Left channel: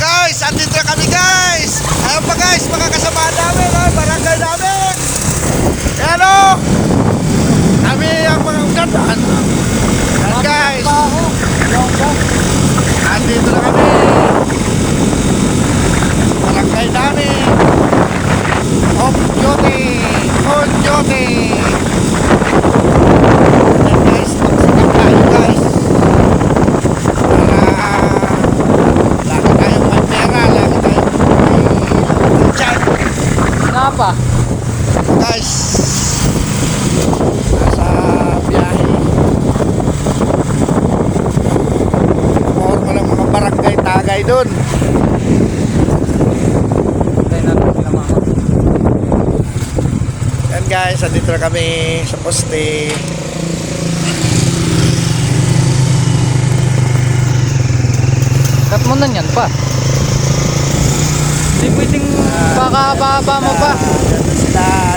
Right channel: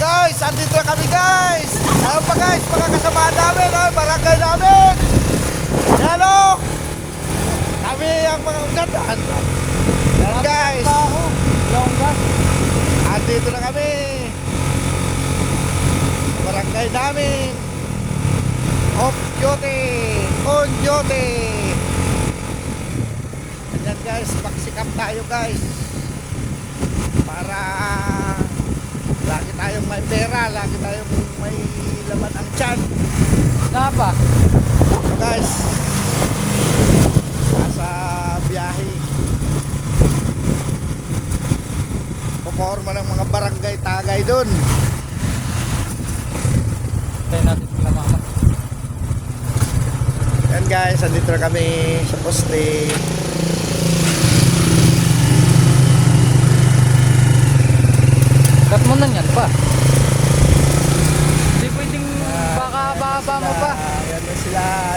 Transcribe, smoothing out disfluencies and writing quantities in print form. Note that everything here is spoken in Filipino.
Guys, andito na kami guys. Ayan pa guys, mga kasama namin, barangay namin. Ayan o. Kami ang mga ugatan. Ayan guys. Andito na kami. Barangay namin. On duty. On duty. Ayan guys, magsikap tayo guys. Kenapa? Guys, sa biyahe walang mga barangay tagay dun. And guys, andito na kami sa poste. At mo na yan pa. Hindi pwedeng baka mo pa. Sila